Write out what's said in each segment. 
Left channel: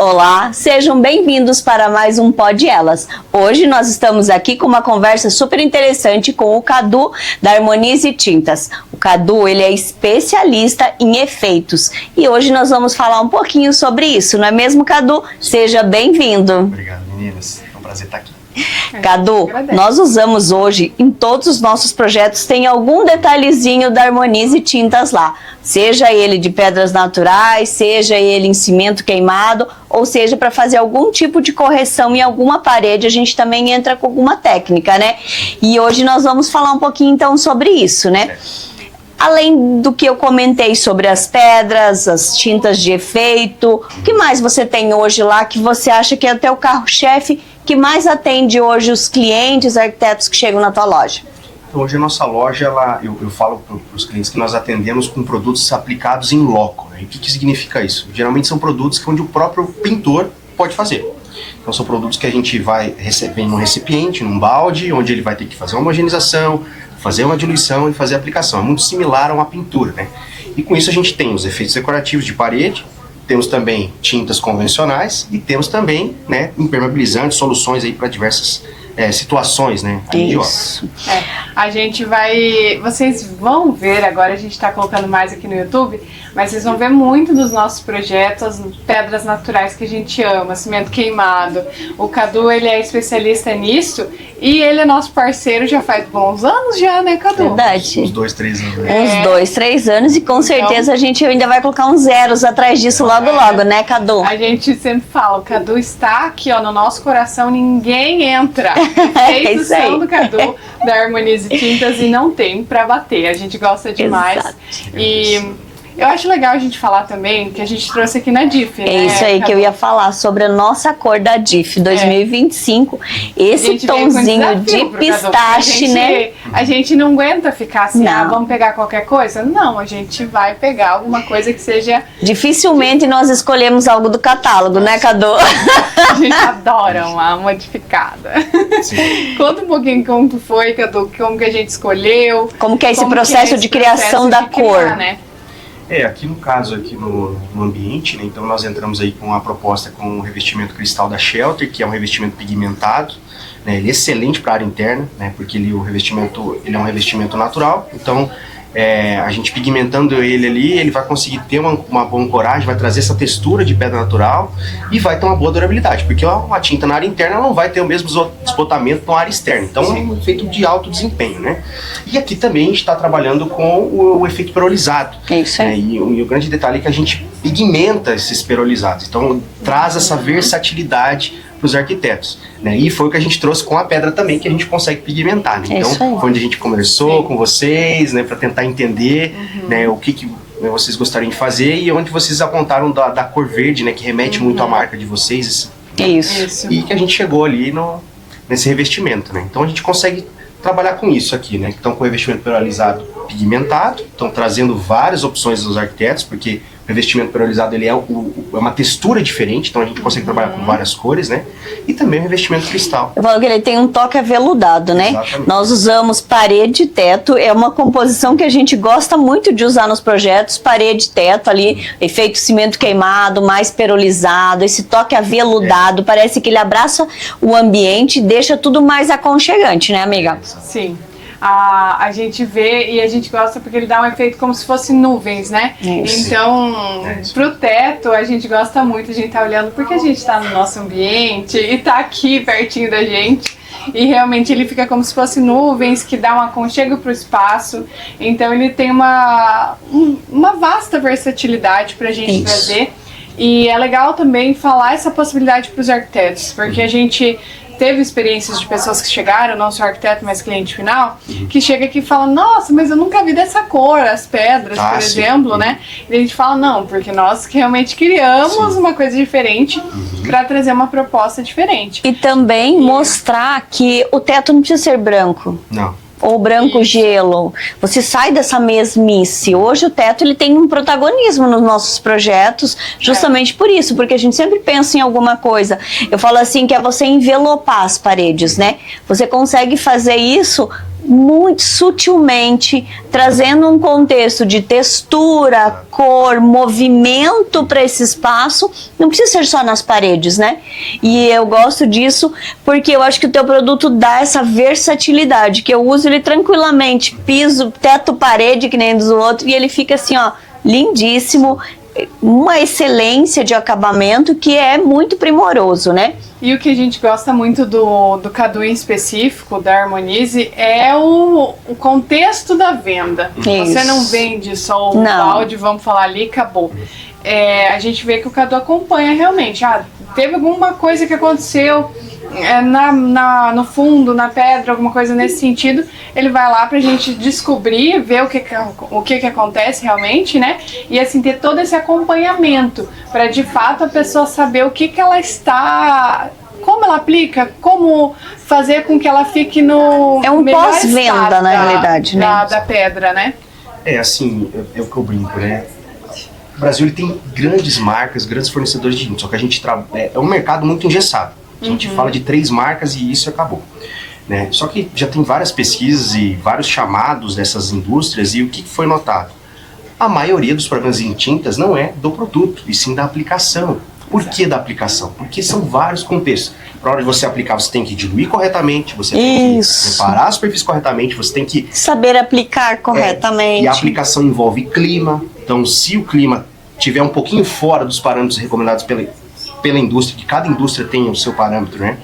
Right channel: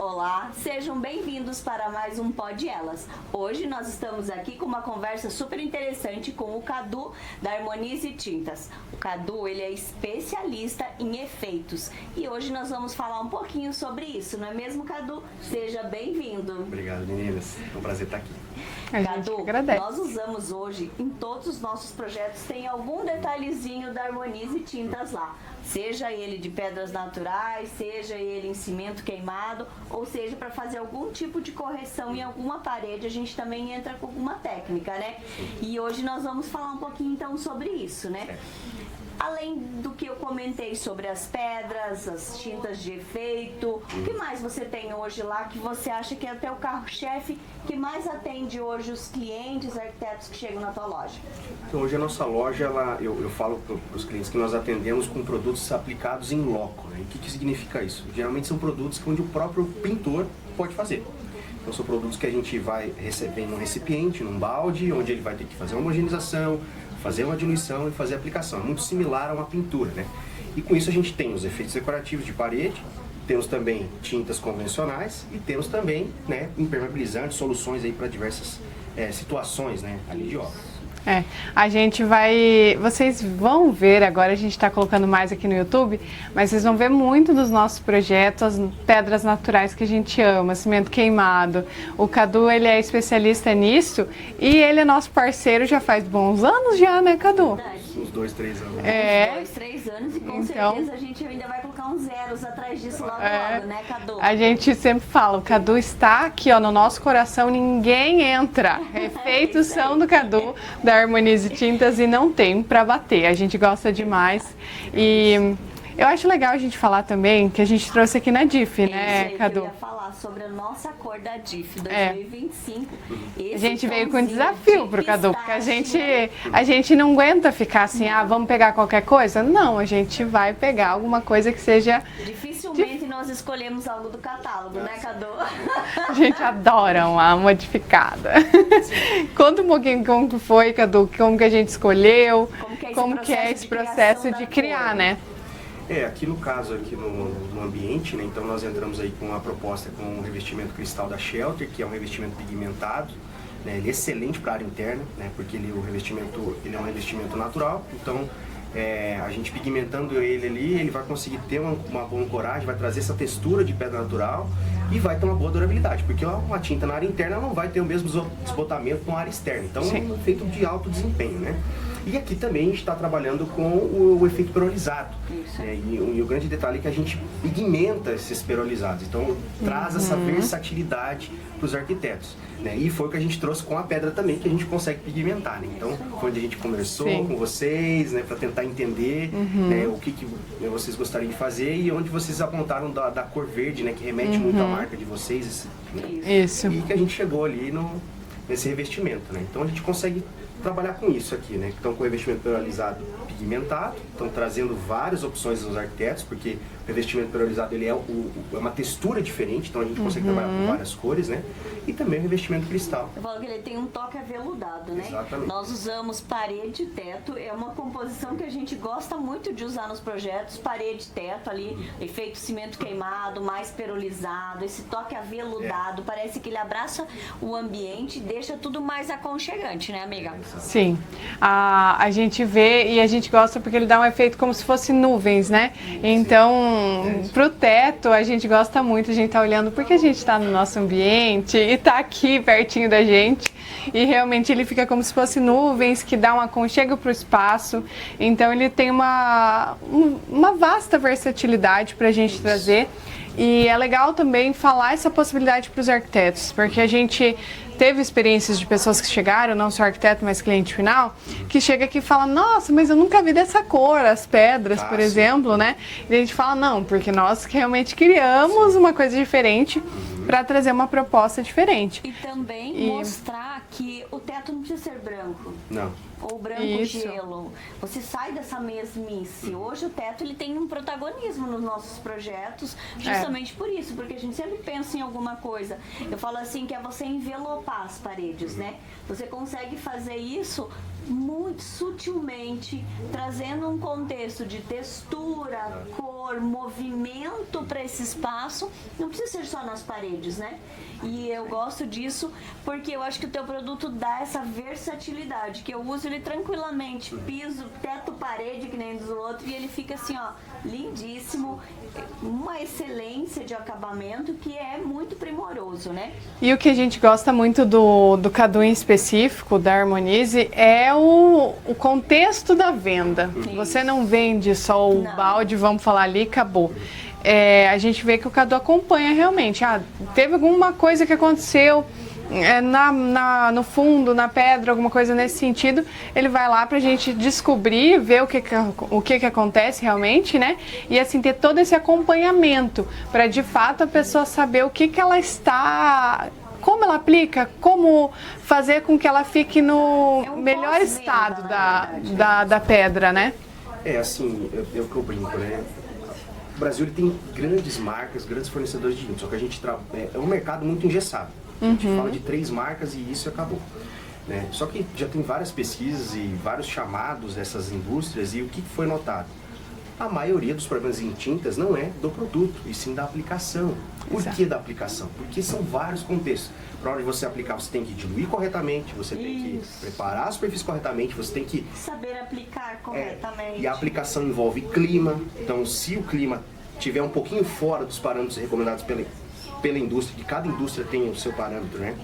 Olá, sejam bem-vindos para mais um Pod Elas. Hoje nós estamos aqui com uma conversa super interessante com o Cadu da Harmonize Tintas. O Cadu, ele é especialista em efeitos e hoje nós vamos falar um pouquinho sobre isso, não é mesmo, Cadu? Seja bem-vindo. Obrigado, meninas. É um prazer estar aqui. Cadu, nós usamos hoje, em todos os nossos projetos, tem algum detalhezinho da Harmonize Tintas lá. Seja ele de pedras naturais, seja ele em cimento queimado, ou seja, para fazer algum tipo de correção em alguma parede, a gente também entra com alguma técnica, né? E hoje nós vamos falar um pouquinho então sobre isso, né? Além do que eu comentei sobre as pedras, as tintas de efeito, o que mais você tem hoje lá que você acha que é até o carro-chefe que mais atende hoje os clientes, arquitetos que chegam na tua loja? Então, hoje a nossa loja, eu falo para os clientes que nós atendemos com produtos aplicados em loco. Né? E o que significa isso? Geralmente são produtos onde o próprio pintor pode fazer. Então são produtos que a gente vai receber num recipiente, num balde, onde ele vai ter que fazer uma homogeneização, fazer uma diluição e fazer a aplicação. É muito similar a uma pintura, né? E com isso a gente tem os efeitos decorativos de parede, temos também tintas convencionais e temos também, né, impermeabilizantes, soluções aí para diversas situações, né? Isso. A gente vai... Vocês vão ver, agora a gente está colocando mais aqui no YouTube, mas vocês vão ver muito dos nossos projetos, pedras naturais que a gente ama, cimento queimado. O Cadu, ele é especialista nisso e ele é nosso parceiro já faz bons anos já, né, Cadu? Verdade. Uns 2, 3 anos. Uns 2, 3 anos e com certeza a gente ainda vai colocar uns zeros atrás disso logo, né, Cadu? A gente sempre fala, o Cadu está aqui, ó, no nosso coração, ninguém entra. Efeitos são do Cadu, da Harmonize Tintas e não tem pra bater. A gente gosta demais. Exato. E eu acho legal a gente falar também que a gente trouxe aqui na DIF, né? É isso aí, Cadu? que eu ia falar sobre a nossa cor da DIF 2025. Esse tonzinho de pistache, né? A gente não aguenta ficar assim, Não. vamos pegar qualquer coisa? Não, a gente vai pegar alguma coisa que seja... Dificilmente nós escolhemos algo do catálogo, né, Cadu? A gente adora uma modificada. Conta um pouquinho como foi, Cadu, como que a gente escolheu. Como que é esse processo de criação da cor, né? Aqui no caso, aqui no ambiente, né, então nós entramos aí com a proposta com o revestimento cristal da Shelter, que é um revestimento pigmentado, né, ele é excelente para a área interna, né, porque ele é um revestimento natural, então a gente pigmentando ele ali, ele vai conseguir ter uma boa ancoragem, vai trazer essa textura de pedra natural e vai ter uma boa durabilidade, porque uma tinta na área interna não vai ter o mesmo desbotamento na área externa, então é um efeito de alto desempenho, né? E aqui também a gente está trabalhando com o efeito perolizado. Isso aí. E o grande detalhe é que a gente pigmenta esses perolizados, então traz essa versatilidade para os arquitetos, né? E foi o que a gente trouxe com a pedra também, que a gente consegue pigmentar, né? Então foi onde a gente conversou com vocês, né, para tentar entender, né, o que vocês gostariam de fazer e onde vocês apontaram da cor verde, né, que remete muito à marca de vocês. Isso. E que a gente chegou ali nesse revestimento, né? Então a gente consegue trabalhar com isso aqui, né? Então com o revestimento perolizado pigmentado, então trazendo várias opções dos arquitetos, porque o revestimento perolizado ele é uma textura diferente, então a gente consegue trabalhar com várias cores, né? E também o revestimento cristal. Eu falo que ele tem um toque aveludado, né? Exatamente. Nós usamos parede e teto, é uma composição que a gente gosta muito de usar nos projetos, parede e teto ali, efeito cimento queimado, mais perolizado, esse toque aveludado, parece que ele abraça o ambiente e deixa tudo mais aconchegante, né, amiga? Sim. A gente vê e a gente gosta porque ele dá um efeito como se fosse nuvens, né? Isso. Então, pro teto, a gente gosta muito, a gente tá olhando porque a gente tá no nosso ambiente e tá aqui pertinho da gente. E realmente ele fica como se fosse nuvens, que dá um aconchego pro espaço. Então ele tem uma vasta versatilidade pra gente trazer. E é legal também falar essa possibilidade para os arquitetos, porque a gente teve experiências de pessoas que chegaram, não só arquiteto, mas cliente final, que chega aqui e fala, nossa, mas eu nunca vi dessa cor, as pedras, por exemplo, né? E a gente fala, não, porque nós realmente criamos uma coisa diferente para trazer uma proposta diferente. E também mostrar que o teto não precisa ser branco. Não. Ou branco gelo. Você sai dessa mesmice. Hoje o teto ele tem um protagonismo nos nossos projetos, justamente por isso, porque a gente sempre pensa em alguma coisa. Eu falo assim que é você envelopar as paredes, né? Você consegue fazer isso muito sutilmente, trazendo um contexto de textura, cor, movimento para esse espaço. Não precisa ser só nas paredes, né? E eu gosto disso porque eu acho que o teu produto dá essa versatilidade, que eu uso ele tranquilamente, piso, teto, parede, que nem do outro, e ele fica assim, ó, lindíssimo, uma excelência de acabamento que é muito primoroso, né? E o que a gente gosta muito do Cadu em específico, da Harmonize, é o contexto da venda. Isso. Você não vende só o balde, vamos falar ali, acabou. A gente vê que o Cadu acompanha realmente. Teve alguma coisa que aconteceu no fundo, na pedra, alguma coisa nesse sentido, ele vai lá pra gente descobrir, ver o que acontece realmente, né? E assim, ter todo esse acompanhamento pra de fato a pessoa saber o que ela está, como ela aplica, como fazer com que ela fique no melhor pós-venda, na realidade, né? Da pedra, né? Assim, é o que eu brinco, né? O Brasil ele tem grandes marcas, grandes fornecedores de tinta, só que a gente é um mercado muito engessado. A gente fala de 3 marcas e isso acabou. Né? Só que já tem várias pesquisas e vários chamados dessas indústrias, e o que foi notado? A maioria dos problemas em tintas não é do produto, e sim da aplicação. Por que da aplicação? Porque são vários contextos. Para hora de você aplicar, você tem que diluir corretamente, você tem que preparar a superfície corretamente, você tem que saber aplicar corretamente. E a aplicação envolve clima. Então, se o clima tiver um pouquinho fora dos parâmetros recomendados pela indústria, que cada indústria tem o seu parâmetro, né?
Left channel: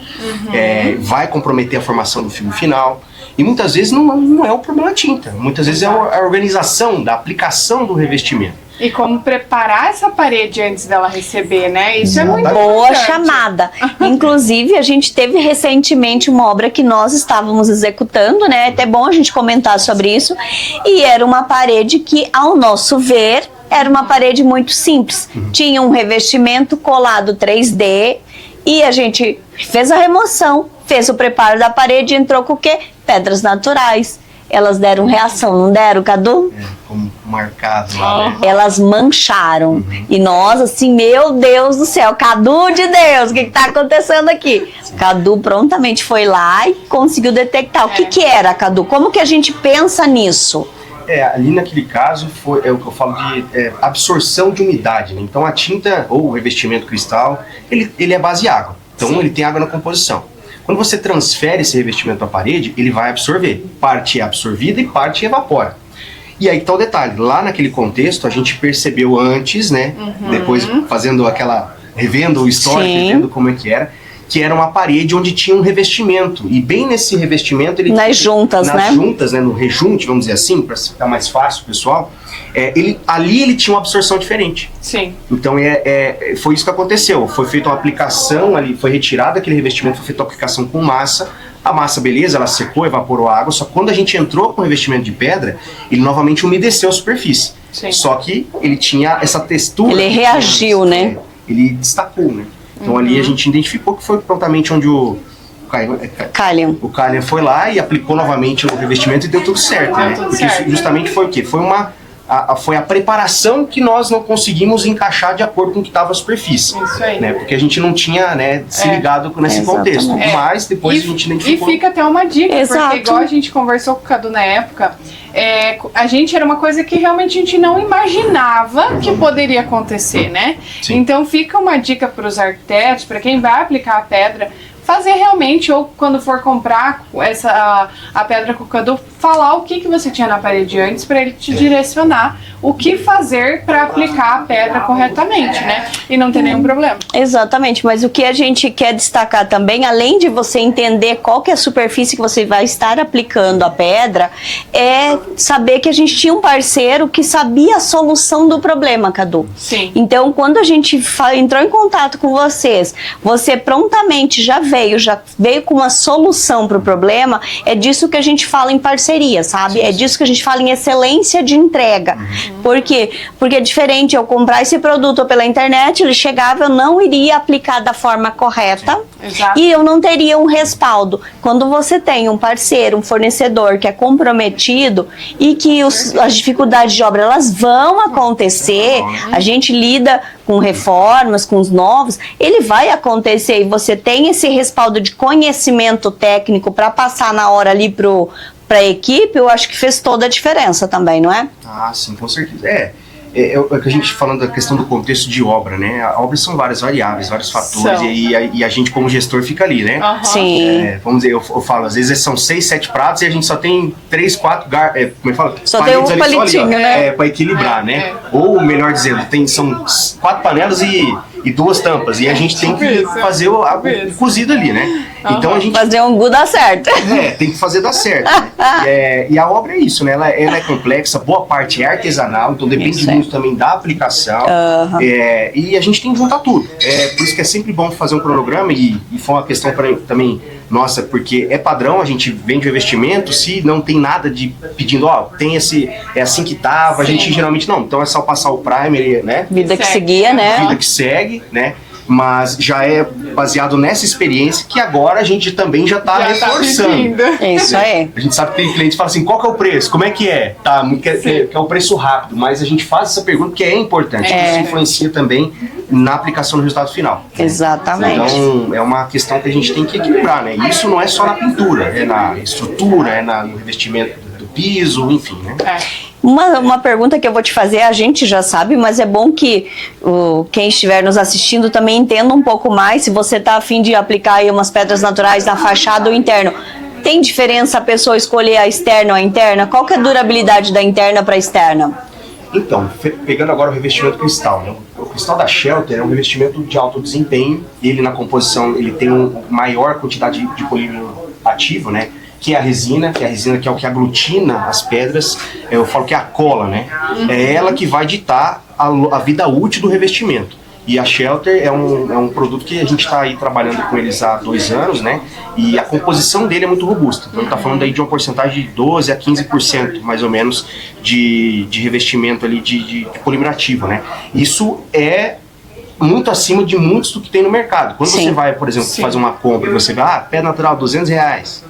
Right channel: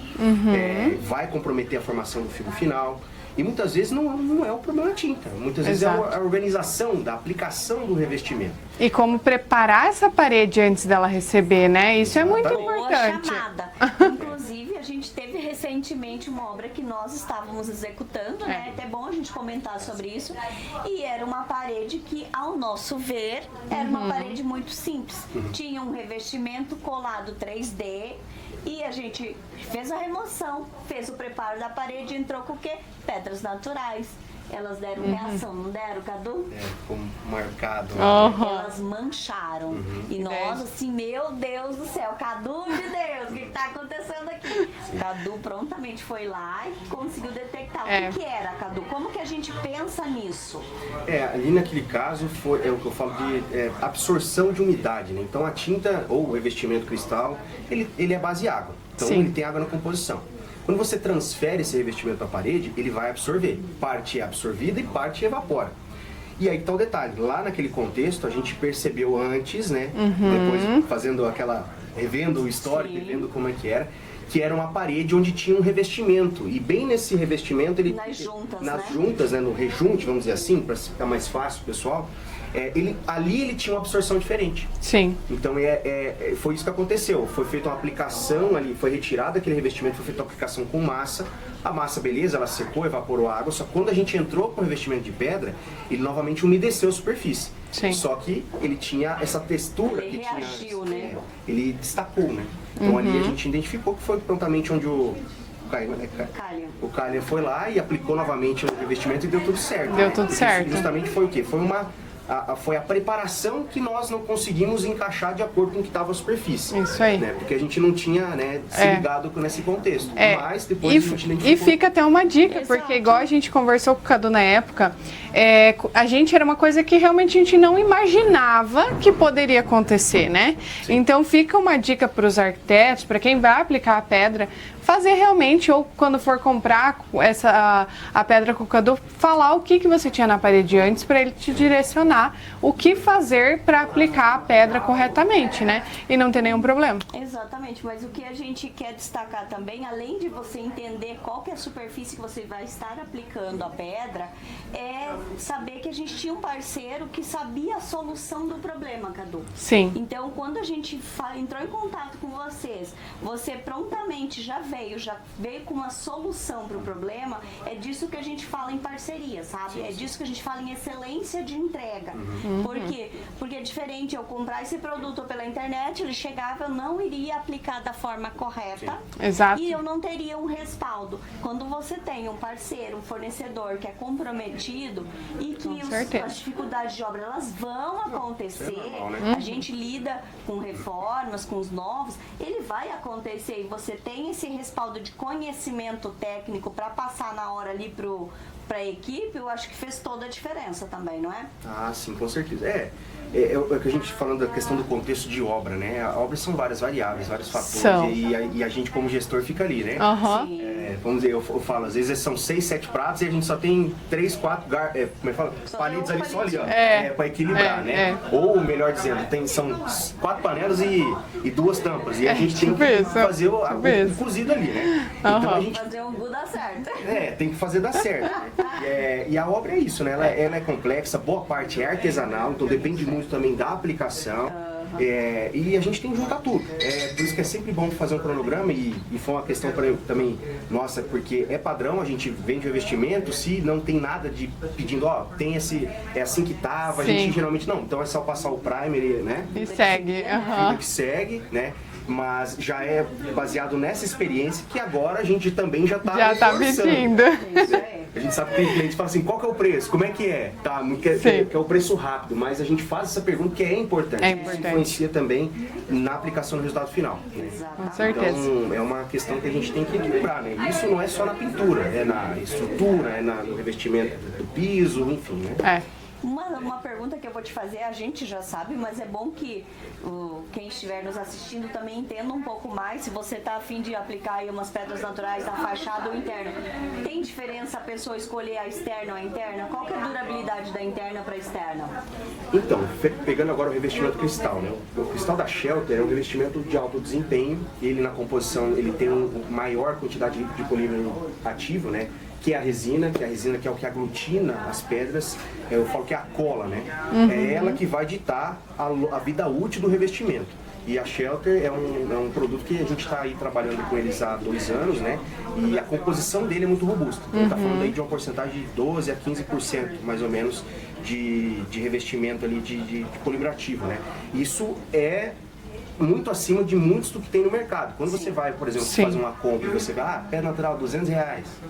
Vai comprometer a formação do filme final. E muitas vezes não é o problema da tinta. Muitas vezes é a organização da aplicação do revestimento. E como preparar essa parede antes dela receber, né? Isso é muito boa importante. chamada. Inclusive, a gente teve recentemente uma obra que nós estávamos executando, né? É até bom a gente comentar sobre isso. E era uma parede que, ao nosso ver, era uma parede muito simples. Tinha um revestimento colado 3D e a gente fez a remoção, fez o preparo da parede e entrou com o quê? Pedras naturais. Elas deram reação, não deram, Cadu? Como marcado lá, né? Elas mancharam. E nós, assim, meu Deus do céu, Cadu de Deus, o que tá acontecendo aqui? Cadu prontamente foi lá e conseguiu detectar. O que era, Cadu? Como que a gente pensa nisso? Ali naquele caso é o que eu falo de absorção de umidade, né? Então a tinta ou o revestimento cristal, ele é base água. Então ele tem água na composição. Quando você transfere esse revestimento para a parede, ele vai absorver. Parte é absorvida e parte evapora. E aí tá o detalhe, lá naquele contexto a gente percebeu antes, né? Depois revendo o histórico, vendo como é que era uma parede onde tinha um revestimento. E bem nesse revestimento... Nas juntas, né, no rejunte, vamos dizer assim, para ficar mais fácil, pessoal. Ali ele tinha uma absorção diferente. Sim. Então foi isso que aconteceu. Foi feita uma aplicação ali, foi retirado aquele revestimento, foi feita uma aplicação com massa. A massa, beleza, ela secou, evaporou a água, só que quando a gente entrou com o revestimento de pedra, ele novamente umedeceu a superfície. Sim. Só que ele tinha essa textura... Ele reagiu, né? Ele destacou, né? Então ali a gente identificou que foi prontamente onde o Kalian foi lá e aplicou novamente o revestimento e deu tudo certo. Deu tudo certo. Isso justamente foi o quê? Foi a preparação que nós não conseguimos encaixar de acordo com o que estava a superfície. Isso aí. Né? Porque a gente não tinha, né, se ligado nesse contexto. Mas depois a gente identificou... E fica até uma dica, Exato. porque igual a gente conversou com o Cadu na época, a gente era uma coisa que realmente a gente não imaginava que poderia acontecer, né? Sim. Então fica uma dica para os arquitetos, para quem vai aplicar a pedra, fazer realmente, ou quando for comprar a pedra com o Cadu, falar o que você tinha na parede antes para ele te direcionar o que fazer para aplicar a pedra corretamente, né? E não ter nenhum problema. Exatamente, mas o que a gente quer destacar também, além de você entender qual que é a superfície que você vai estar aplicando a pedra, é saber que a gente tinha um parceiro que sabia a solução do problema, Cadu. Sim. Então, quando a gente entrou em contato com vocês, você prontamente já veio com uma solução para o problema. É disso que a gente fala em parceria, sabe? É disso que a gente fala em excelência de entrega. Por quê? Porque é diferente eu comprar esse produto pela internet, ele chegava, eu não iria aplicar da forma correta. Exato. E eu não teria um respaldo. Quando você tem um parceiro, um fornecedor que é comprometido e que as dificuldades de obra elas vão acontecer, a gente lida com reformas, com os novos, ele vai acontecer e você tem esse respaldo de conhecimento técnico para passar na hora ali pro para a equipe, eu acho que fez toda a diferença também, não é? Ah, sim, com certeza. É o que a gente falando da questão do contexto de obra, né? A obra são várias variáveis, vários fatores, e a gente como gestor fica ali, né? Sim. Vamos dizer, eu falo, às vezes são 6, 7 pratos e a gente só tem 3, 4 como é que fala? Só tem um palitinho, né? Para equilibrar, né? Ou, melhor dizendo, são 4 panelas e 2 tampas, e a gente tem que fazer o cozido ali, né? Então a gente... Fazer um gu dar certo. Tem que fazer dar certo. Né? E a obra é isso, né? Ela é complexa, boa parte é artesanal, então depende muito também da aplicação, e a gente tem que juntar tudo. Por isso que é sempre bom fazer um cronograma, e foi uma questão também nossa, porque é padrão, a gente vende o investimento, se não tem nada de pedindo, tem é assim que tava, a gente geralmente não, então é só passar o primer, né? Vida que seguia, né? Vida que segue, né? Mas já é baseado nessa experiência que agora a gente também já está reforçando. Isso aí. A gente sabe que tem clientes que falam assim, qual que é o preço? Como é que é? Que é o preço rápido, mas a gente faz essa pergunta que é importante. Isso influencia também na aplicação do resultado final. Exatamente. Então, é uma questão que a gente tem que equilibrar, né? E isso não é só na pintura, é na estrutura, é no revestimento do piso, enfim, né? Uma pergunta que eu vou te fazer, a gente já sabe, mas é bom que quem estiver nos assistindo também entenda um pouco mais. Se você está a fim de aplicar aí umas pedras naturais na fachada ou interno, tem diferença a pessoa escolher a externa ou a interna? Qual que é a durabilidade da interna para a externa? Então, pegando agora o revestimento cristal, né? O cristal da Shelter é um revestimento de alto desempenho. Ele na composição ele tem uma maior quantidade de polímero ativo, né? Que é a resina que é o que aglutina as pedras, eu falo que é a cola, né? É ela que vai ditar a vida útil do revestimento. E a Shelter é um produto que a gente está aí trabalhando com eles há 2 anos, né? E a composição dele é muito robusta. Então tá falando aí de uma porcentagem de 12 a 15%, mais ou menos, de revestimento ali de polímero ativo, né? Isso é muito acima de muitos do que tem no mercado. Quando você vai, por exemplo, fazer uma compra e você vê, pedra natural, R$200.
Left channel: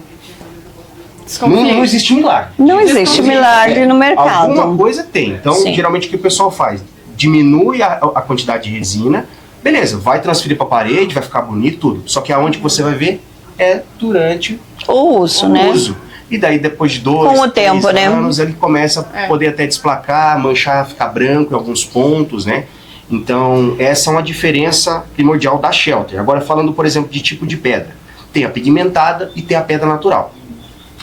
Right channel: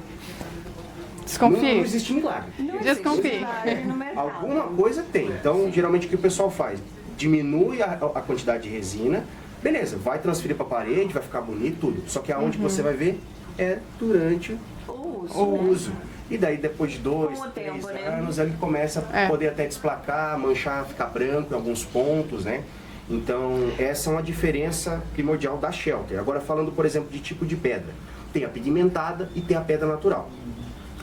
Não existe milagre. Não existe milagre no mercado. Alguma coisa tem. Então, geralmente o que o pessoal faz? Diminui a quantidade de resina, beleza, vai transferir para a parede, vai ficar bonito, tudo. Só que aonde você vai ver é durante o uso, né? E daí depois de 2, 3 anos, ele começa a poder até desplacar, manchar, ficar branco em alguns pontos, né? Então, essa é uma diferença primordial da Shelter. Agora, falando, por exemplo, de tipo de pedra. Tem a pigmentada e tem a pedra natural.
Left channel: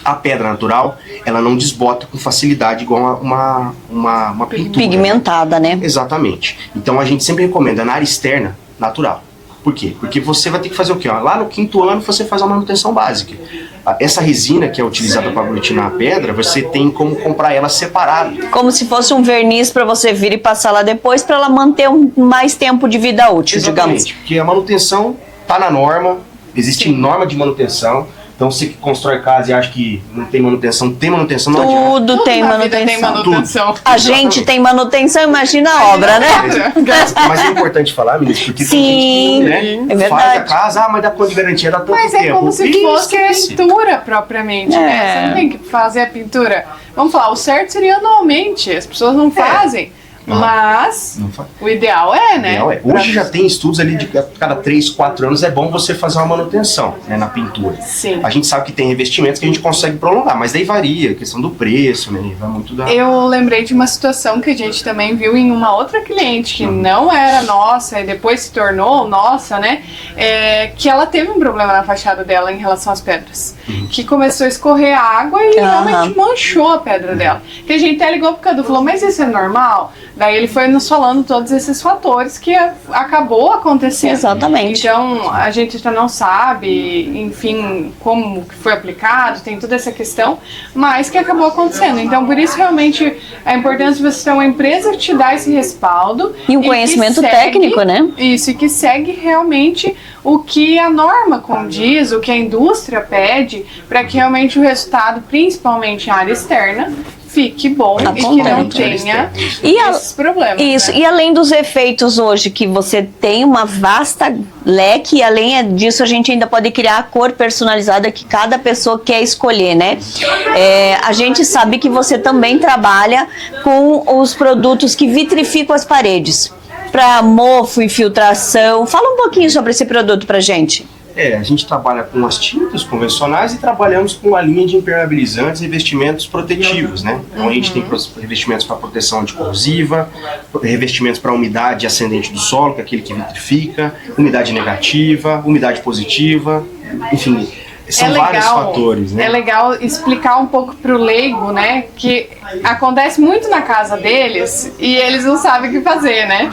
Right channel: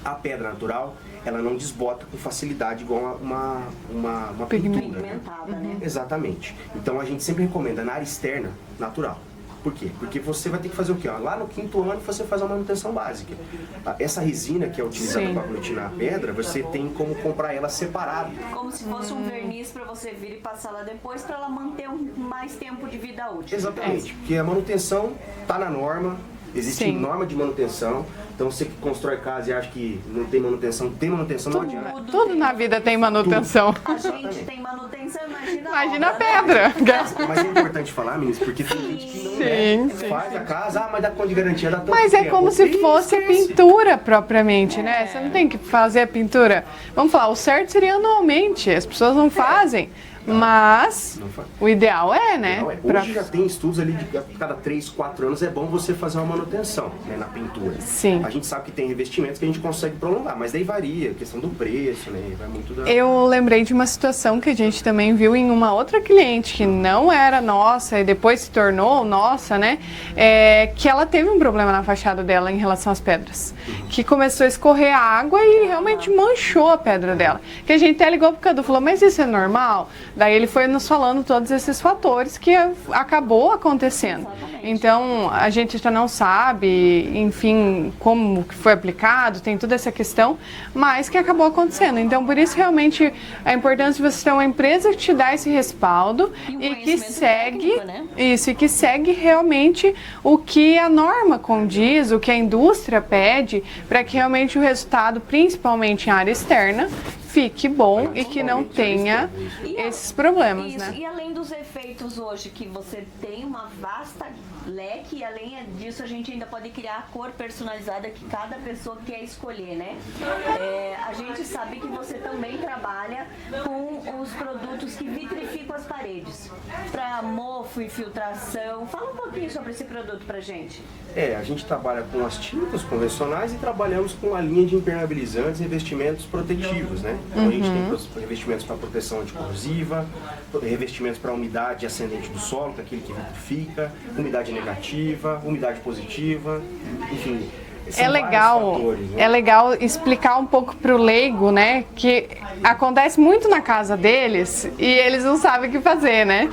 A pedra natural, ela não desbota com facilidade igual uma pintura. Pigmentada, né? Exatamente. Então a gente sempre recomenda na área externa, natural. Por quê? Porque você vai ter que fazer o quê? Lá no 5º ano você faz a manutenção básica. Essa resina que é utilizada para aglutinar a pedra, você tem como comprar ela separada. Como se fosse um verniz para você vir e passar lá depois para ela manter mais tempo de vida útil, digamos. Porque a manutenção está na norma, existe norma de manutenção. Então você que constrói casa e acha que não tem manutenção, não adianta. Tudo tem manutenção. A gente tem manutenção, imagina a obra, né? Mas é importante falar, meninas, porque tem gente que faz a casa, mas dá conta de garantia, dá tanto tempo. Mas é como se fosse pintura propriamente, né? Você não tem que fazer a pintura. Vamos falar, o certo seria anualmente, as pessoas não fazem. Mas o ideal né? Hoje já tem estudos ali de cada 3, 4 anos é bom você fazer uma manutenção, né, na pintura. Sim. A gente sabe que tem revestimentos que a gente consegue prolongar, mas daí varia, a questão do preço, né? Vai muito da... Eu lembrei de uma situação que a gente também viu em uma outra cliente que não era nossa e depois se tornou nossa, né? Que ela teve um problema na fachada dela em relação às pedras. Que começou a escorrer água e realmente manchou a pedra dela. Que a gente até ligou pro Cadu e falou, mas isso é normal? Daí ele foi nos falando todos esses fatores que acabou acontecendo. Exatamente. Então, a gente já não sabe, enfim, como que foi aplicado, tem toda essa questão, mas que acabou acontecendo. Então, por isso, realmente, a importância de você ter uma empresa que te dá esse respaldo. E um conhecimento técnico, né? Isso, e que segue realmente o que a norma condiz, o que a indústria pede, para que realmente o resultado, principalmente em área externa, fique bom e que não tenha esses problemas. Isso, né? E além dos efeitos hoje, que você tem uma vasta leque, e além disso a gente ainda pode criar a cor personalizada que cada pessoa quer escolher, né? A gente sabe que você também trabalha com os produtos que vitrificam as paredes, para mofo, infiltração. Fala um pouquinho sobre esse produto pra gente. A gente trabalha com as tintas convencionais e trabalhamos com a linha de impermeabilizantes e revestimentos protetivos, né? Então a gente tem revestimentos para proteção de corrosiva, revestimentos para umidade ascendente do solo, que é aquele que vitrifica, umidade negativa, umidade positiva, enfim, são vários fatores, né? É legal explicar um pouco pro leigo, né, que acontece muito na casa deles e eles não sabem o que fazer, né?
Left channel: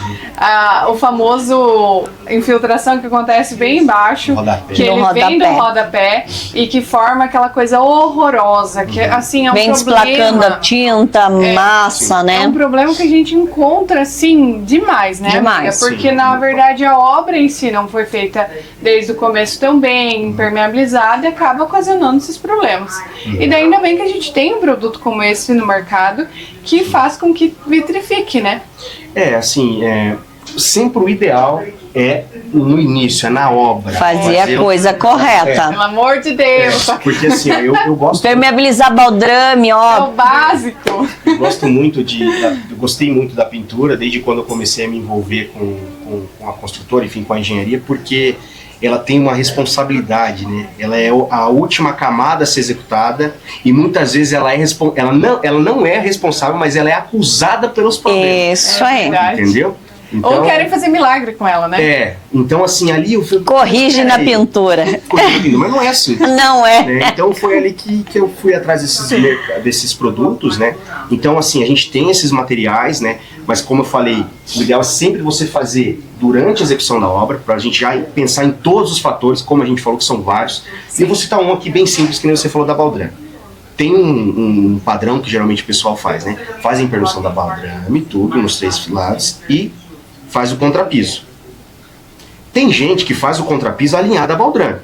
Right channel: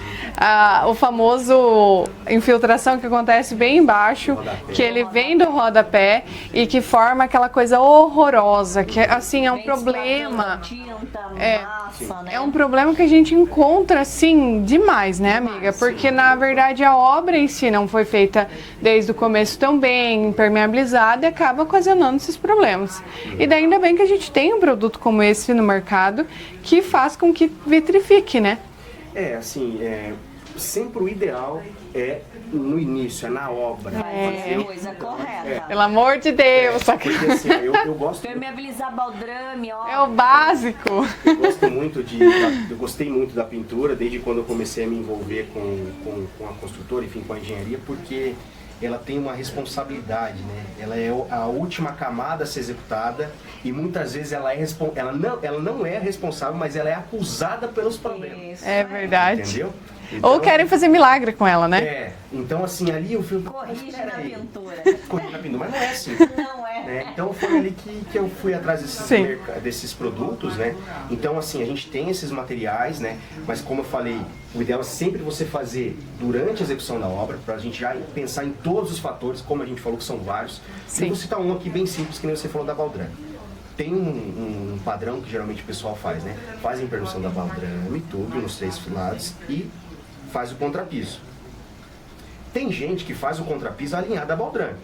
O famoso infiltração que acontece bem embaixo, que ele vem do rodapé e que forma aquela coisa horrorosa, que assim é um vem problema. Vem desplacando a tinta, massa, né? É um problema que a gente encontra, assim, demais, né, amiga? Porque, na verdade, a obra em si não foi feita desde o começo tão bem impermeabilizada e acaba ocasionando esses problemas. E daí ainda bem que a gente tem um produto como esse no mercado que faz com que vitrifique, né? Sempre o ideal é no início, é na obra. Fazer a coisa correta. Pelo amor de Deus. Porque assim, eu gosto... Impermeabilizar baldrame, ó. É o básico. Eu gostei muito da pintura, desde quando eu comecei a me envolver com a construtora, enfim, com a engenharia, porque ela tem uma responsabilidade, né? Ela é a última camada a ser executada e muitas vezes ela não é responsável, mas ela é acusada pelos problemas. Isso aí. Verdade. Entendeu? Então, ou querem fazer milagre com ela, né? Então assim, ali eu fui... Corrige na pintura. Corrigindo, mas não é assim. Não é. Né? Então foi ali que eu fui atrás desses produtos, né? Então assim, a gente tem esses materiais, né? Mas como eu falei, o ideal é sempre você fazer durante a execução da obra, para a gente já pensar em todos os fatores, como a gente falou que são vários. E eu vou citar um aqui bem simples, que nem você falou da baldrame. Tem um padrão que geralmente o pessoal faz, né? Faz a impermeabilização da baldrame, tudo, nos 3 lados, e faz o contrapiso. Tem gente que faz o contrapiso alinhado à baldrame,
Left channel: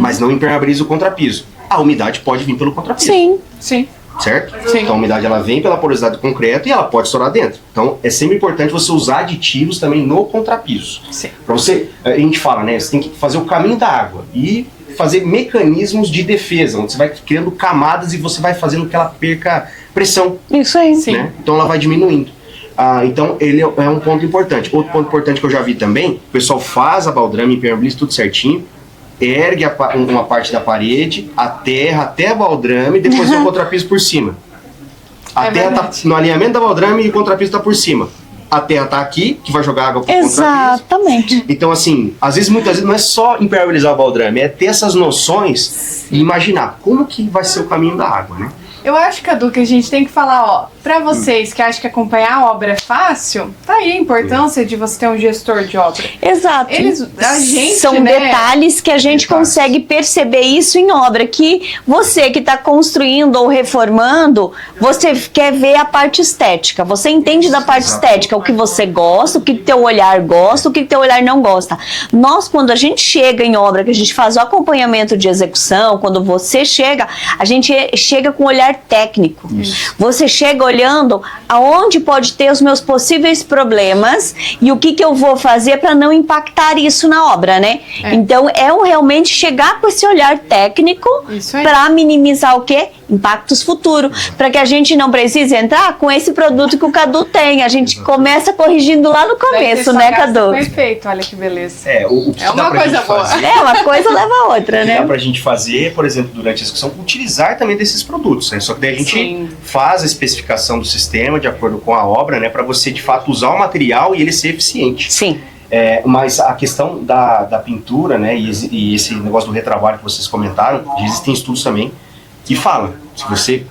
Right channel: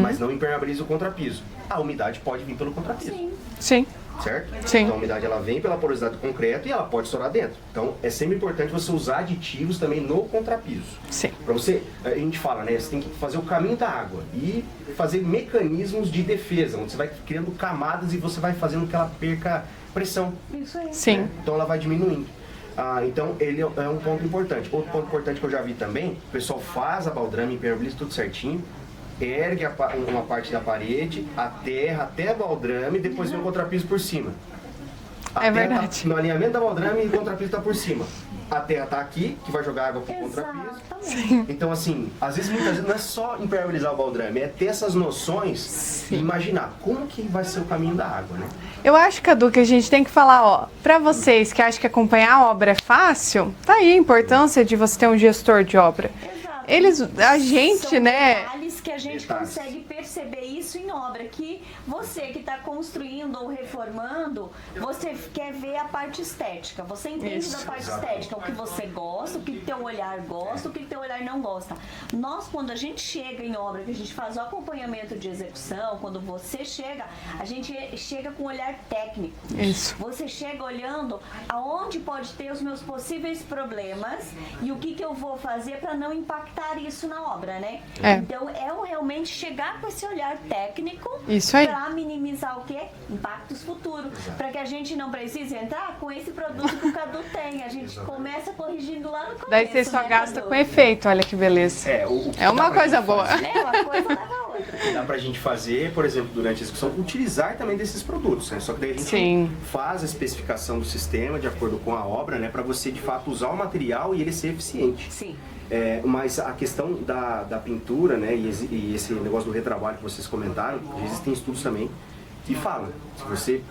mas não impermeabiliza o contrapiso. A umidade pode vir pelo contrapiso. Sim. Certo? Sim. Então a umidade ela vem pela porosidade do concreto e ela pode estourar dentro. Então é sempre importante você usar aditivos também no contrapiso. Sim. Pra você, a gente fala, né? Você tem que fazer o caminho da água e fazer mecanismos de defesa, onde você vai criando camadas e você vai fazendo que ela perca pressão. Isso aí. Sim. Né? Então ela vai diminuindo. Então ele é um ponto importante. Outro ponto importante que eu já vi também, o pessoal faz a baldrame, impermeabiliza tudo certinho, ergue uma parte da parede, a terra até a baldrame e depois o contrapiso por cima. A terra tá no alinhamento da baldrame e o contrapiso tá por cima. A terra tá aqui, que vai jogar água pro contrapiso. Exatamente. Então assim, muitas vezes não é só impermeabilizar o baldrame, é ter essas noções e imaginar como que vai ser o caminho da água, né? Eu acho, Cadu, que a gente tem que falar, ó, pra vocês que acham que acompanhar a obra é fácil, tá aí a importância de você ter um gestor de obra. Exato. A gente, são detalhes que a gente consegue perceber isso em obra, que você que está construindo ou reformando, você quer ver a parte estética, você entende da parte estética, o que você gosta, o que teu olhar gosta, o que teu olhar não gosta. Nós, quando a gente chega em obra, que a gente faz o acompanhamento de execução, quando você chega, a gente chega com um olhar técnico. Isso. Você chega olhando aonde pode ter os meus possíveis problemas e o que eu vou fazer para não impactar isso na obra, né? Então realmente chegar com esse olhar técnico para minimizar o quê? Impactos futuros, para que a gente não precise entrar com esse produto que o Cadu tem. A gente começa corrigindo lá no começo, né, Cadu? Perfeito, olha que beleza. O que é uma coisa boa. Uma coisa leva a outra, né? Dá pra gente fazer, por exemplo, durante a execução, utilizar também desses produtos, né? Só que daí a gente faz a especificação do sistema de acordo com a obra, né? Para você, de fato, usar o material e ele ser eficiente. Sim. Mas a questão da pintura, né? E esse negócio do retrabalho que vocês comentaram, existem estudos também que falam, se você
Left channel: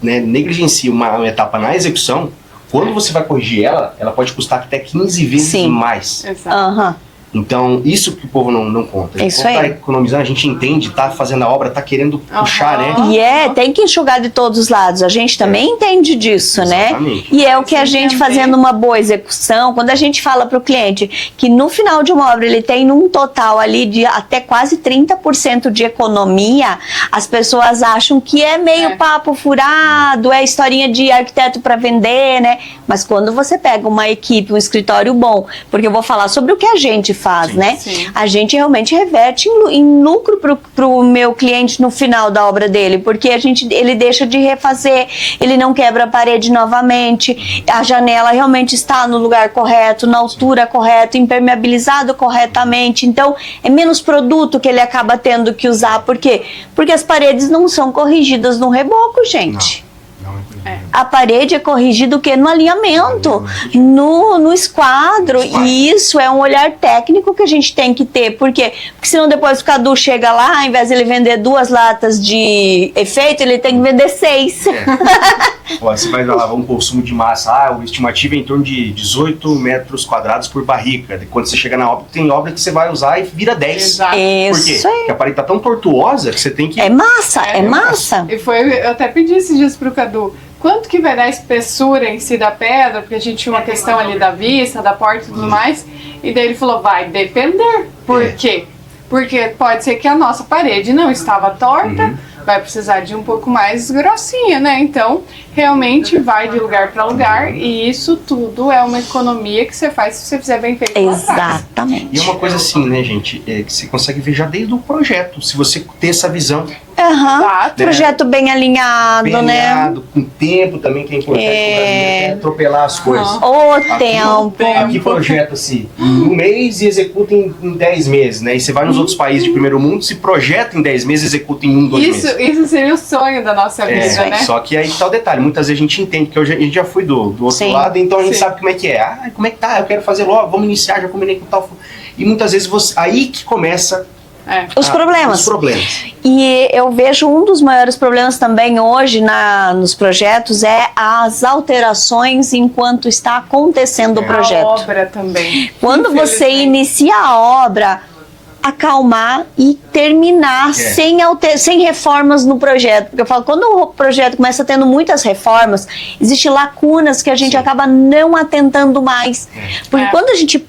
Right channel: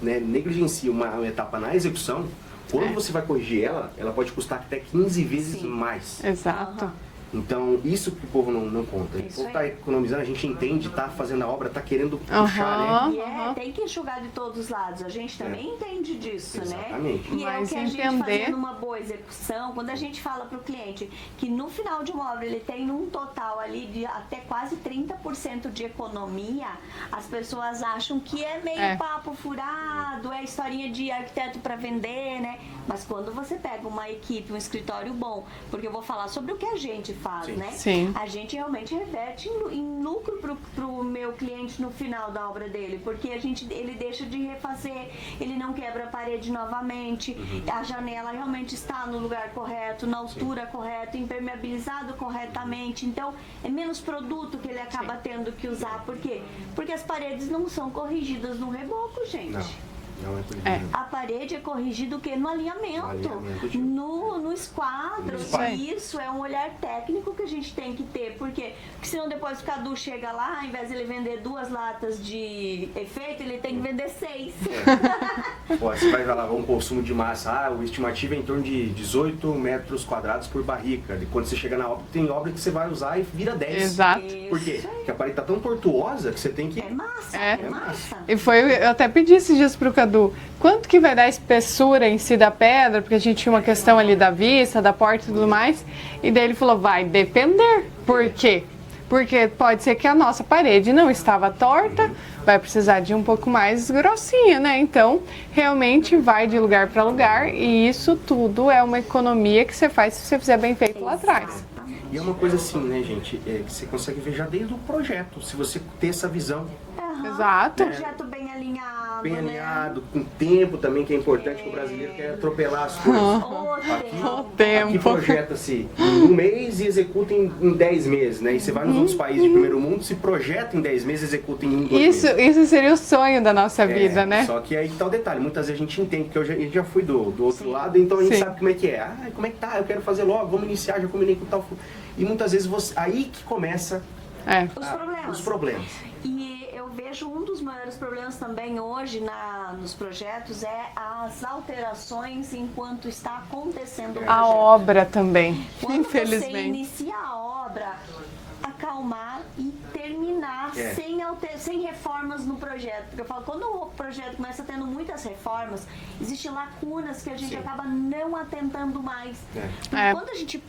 negligencia uma etapa na execução, quando você vai corrigir ela pode custar até 15 vezes mais. Exato. Então, isso que o povo não conta. Isso quando aí. Tá economizando, a gente entende, tá fazendo a obra, tá querendo puxar, né? E tem que enxugar de todos os lados. A gente também entende disso, exatamente, né? E é o que a gente fazendo uma boa execução, quando a gente fala para o cliente que no final de uma obra ele tem um total ali de até quase 30% de economia, as pessoas acham que é meio papo furado, é historinha de arquiteto para vender, né? Mas quando você pega uma equipe, um escritório bom, porque eu vou falar sobre o que a gente faz, Sim, né? sim. A gente realmente reverte em lucro pro meu cliente no final da obra dele, porque ele deixa de refazer, ele não quebra a parede novamente, a janela realmente está no lugar correto, na altura correta, impermeabilizado corretamente. Então, é menos produto que ele acaba tendo que usar. Por quê? Porque as paredes não são corrigidas no reboco, gente. Não é por aí. A parede é corrigida o quê? No alinhamento, no esquadro. E isso é um olhar técnico que a gente tem que ter. Por quê? Porque senão depois o Cadu chega lá, ao invés de ele vender 2 latas de efeito, ele tem que vender 6. Ó, você vai lavar um consumo de massa, o estimativo é em torno de 18 metros quadrados por barrica. Quando você chega na obra, tem obra que você vai usar e vira 10. Exato. Por quê? Isso aí. Porque a parede tá tão tortuosa que você tem que... É massa, é massa. E eu até pedi esses dias pro Cadu, quanto que vai dar a espessura em si da pedra, porque a gente tinha uma questão ali da vista, da porta e tudo mais, e daí ele falou, vai depender. Por quê? Porque pode ser que a nossa parede não estava torta, vai precisar de um pouco mais grossinha, né? Então, realmente vai de lugar para lugar, e isso tudo é uma economia que você faz se você fizer bem feito lá atrás. Exatamente. E uma coisa assim, né, gente, que você consegue ver já desde o projeto, se você ter essa visão Exato. Projeto bem alinhado, bem né? alinhado, com tempo também, que é importante, é atropelar as coisas. O Aqui tempo. projeta-se em 1 mês e executa em 10 meses, né? E você vai nos outros países de primeiro mundo, se projeta em 10 meses e executa em 1, 2 meses. Isso seria o sonho da nossa vida, né? Só que aí tá o detalhe, muitas vezes a gente entende, porque a gente já foi do outro Sim. lado, então a gente Sim. sabe como é que é. Ah, como é que tá? Eu quero fazer logo, vamos iniciar, já combinei com tal. E muitas vezes aí que começa Os problemas. os problemas. E eu vejo um dos maiores problemas também hoje nos projetos é as alterações enquanto está acontecendo o projeto. A obra também. Quando você Infelizmente. inicia a obra, acalmar e terminar sem reformas no projeto. Porque eu falo, quando o projeto começa tendo muitas reformas, existem lacunas que a gente acaba não atentando mais. Porque quando a gente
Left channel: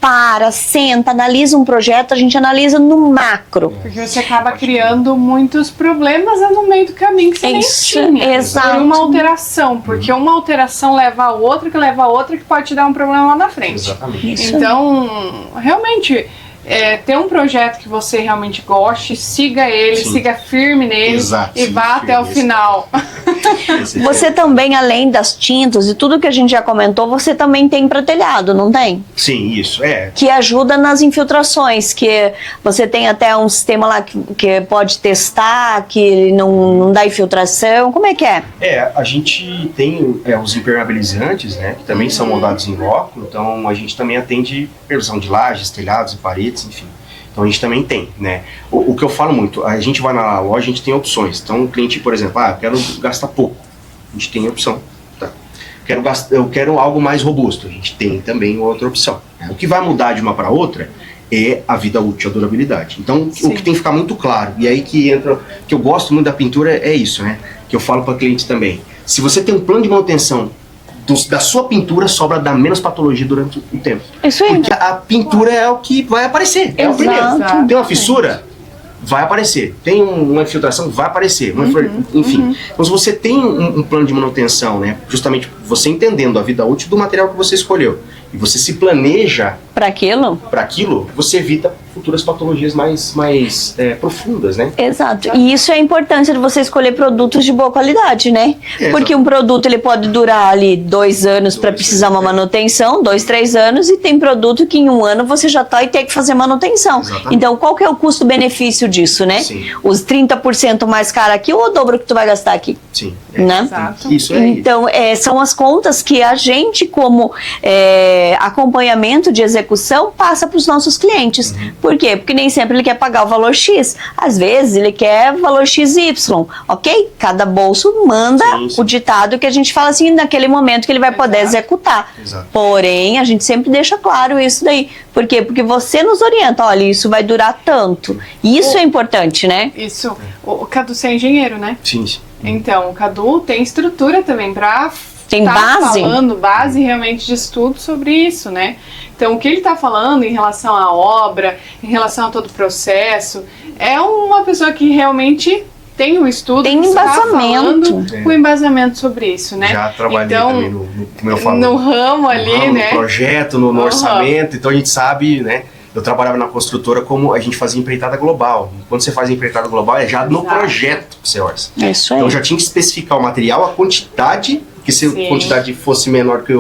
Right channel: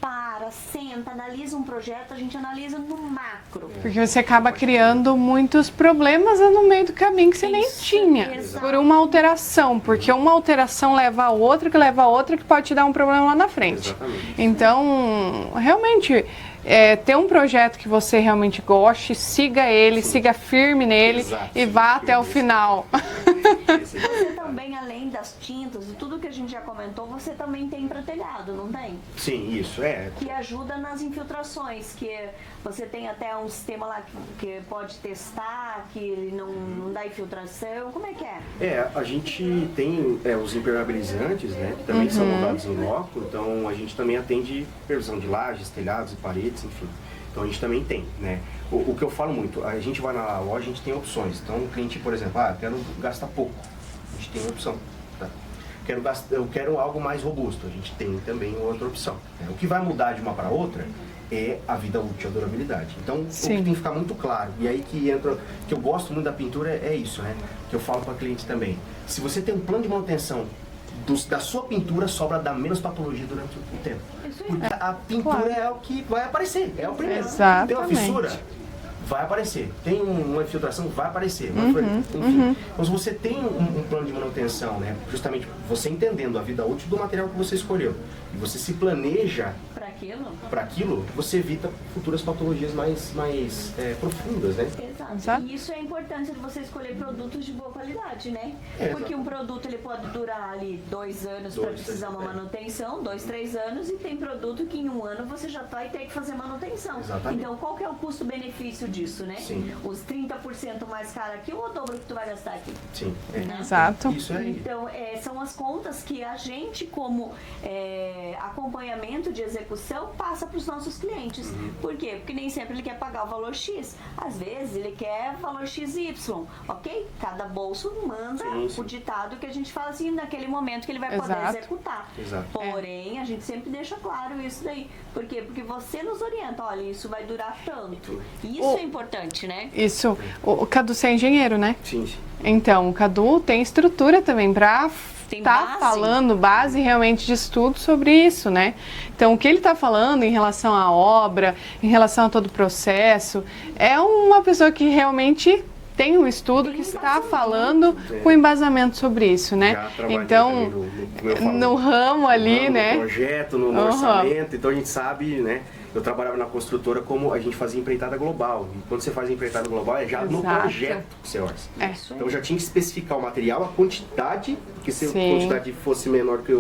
senta, analisa um projeto, a gente analisa no macro. Porque você acaba criando muitos problemas no meio do caminho que você nem tinha. Exato. Por uma alteração. Porque uma alteração leva a outra, que leva a outra, que pode te dar um problema lá na frente. Exatamente. Então, realmente, ter um projeto que você realmente goste, siga ele, siga firme nele e vá até o final. Você também, além das tintas e tudo que a gente já comentou, você também tem para telhado, não tem? Sim, isso, Que ajuda nas infiltrações, que você tem até um sistema lá que pode testar, que não dá infiltração, como é que é? A gente tem os impermeabilizantes, né, que também são moldados em loco, então a gente também atende previsão de lajes, telhados e paredes, enfim. Então a gente também tem, né? O que eu falo muito, a gente vai na loja, a gente tem opções. Então o cliente, por exemplo, eu quero gastar pouco, a gente tem opção. Tá? Eu quero algo mais robusto, a gente tem também outra opção. O que vai mudar de uma para outra é a vida útil, a durabilidade. Então o que tem que ficar muito claro, e aí que entra, que eu gosto muito da pintura é isso, né? Que eu falo para cliente também. Se você tem um plano de manutenção da sua pintura, sobra dar menos patologia durante o tempo. Isso aí. Porque a pintura é o que vai aparecer. É o primeiro. Exatamente. Tem uma fissura, vai aparecer. Tem uma infiltração, vai aparecer. Enfim. Então, se você tem um plano de manutenção, né, justamente você entendendo a vida útil do material que você escolheu, e você se planeja para aquilo, você evita futuras patologias mais profundas, né? Exato. E isso é a importância de você escolher produtos de boa qualidade, né? Porque um produto ele pode durar ali 2 anos para precisar uma manutenção, 2, 3 anos, e tem produto que em 1 ano você já vai ter que fazer manutenção. Exatamente. Então, qual que é o custo-benefício disso, né? Sim. Os 30% mais caro aqui ou o dobro que tu vai gastar aqui? Sim. Né? Exato. Isso é Então, são as contas que a gente, como acompanhamento de execução, passa para os nossos clientes. Por quê? Porque nem sempre ele quer pagar o valor X. Às vezes, ele quer valor XY, ok? Cada bolso manda o ditado que a gente fala assim, naquele momento que ele vai poder executar. Exato. Porém, a gente sempre deixa claro isso daí. Por quê? Porque você nos orienta, olha, isso vai durar tanto. Isso é importante, né? Isso. O Cadu, você é engenheiro, né? Sim. Então, o Cadu tem estrutura também para falando base realmente de estudo sobre isso, né? Então, o que ele está falando em relação à obra, em relação a todo o processo, é uma pessoa que realmente tem um estudo, tem que está falando com embasamento sobre isso, né? Já trabalhei também no ramo ali, no né? No projeto, no orçamento, então a gente sabe, né? eu trabalhava na construtora como a gente fazia empreitada global. Quando você faz empreitada global, é já no projeto que você orça. É isso aí. Então já tinha que especificar o material, a quantidade, que se a quantidade fosse menor que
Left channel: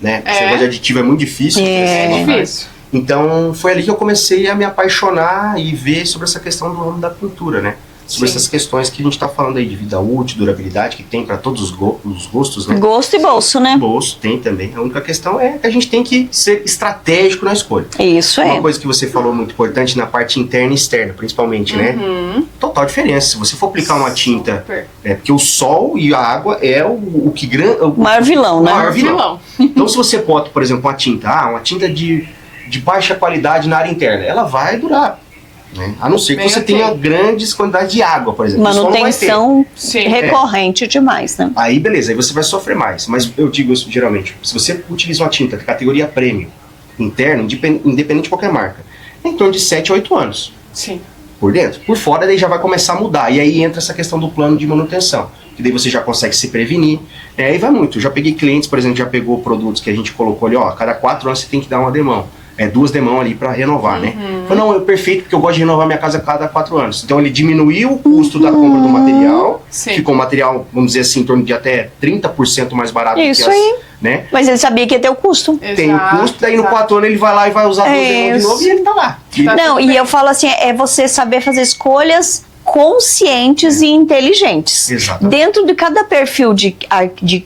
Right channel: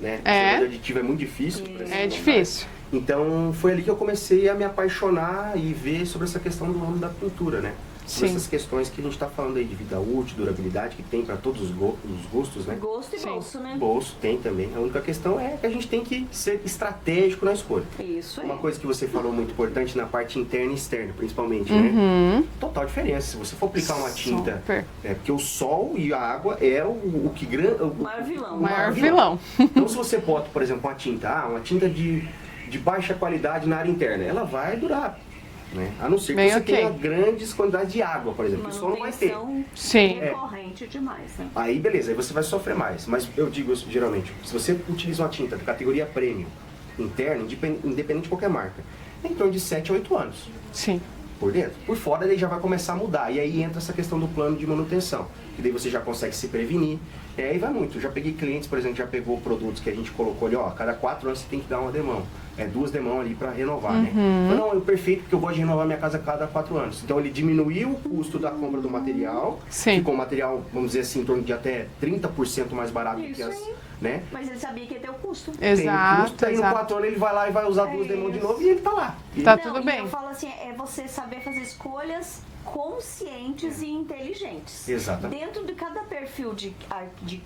né? Esse negócio de aditivo é muito difícil. É difícil. Então foi ali que eu comecei a me apaixonar e ver sobre essa questão do ramo da pintura, né? Sobre essas questões que a gente está falando aí de vida útil, durabilidade, que tem para todos os gostos, né? Gosto e bolso, né? Bolso tem também. A única questão é que a gente tem que ser estratégico na escolha. Isso aí. Uma coisa que você falou muito importante na parte interna e externa, principalmente, né? Total diferença. Se você for aplicar uma tinta, porque o sol e a água é o maior vilão, né? Maior vilão. Então se você bota, por exemplo, uma tinta de baixa qualidade na área interna, ela vai durar. Né? A não ser que você tenha grandes quantidades de água, por exemplo. Manutenção recorrente demais, né? Aí beleza, aí você vai sofrer mais. Mas eu digo isso geralmente, se você utiliza uma tinta de categoria premium, interna, independente de qualquer marca, é em torno de 7 a 8 anos. Sim. Por dentro. Por fora, daí já vai começar a mudar. E aí entra essa questão do plano de manutenção. Que daí você já consegue se prevenir. Aí vai muito. Eu já peguei clientes, por exemplo, já pegou produtos que a gente colocou ali, ó, a cada 4 anos você tem que dar uma demão. 2 demãos ali para renovar, né? Não, é perfeito porque eu gosto de renovar minha casa a cada 4 anos. Então ele diminuiu o custo da compra do material, ficou um material, vamos dizer assim, em torno de até 30% mais barato. Isso aí. Né? Mas ele sabia que ia ter o custo. Tem o custo, daí no 4 anos ele vai lá e vai usar 2 demãos de novo e ele tá lá. Não, e eu falo assim, é você saber fazer escolhas conscientes e inteligentes. Exatamente. Dentro de cada perfil de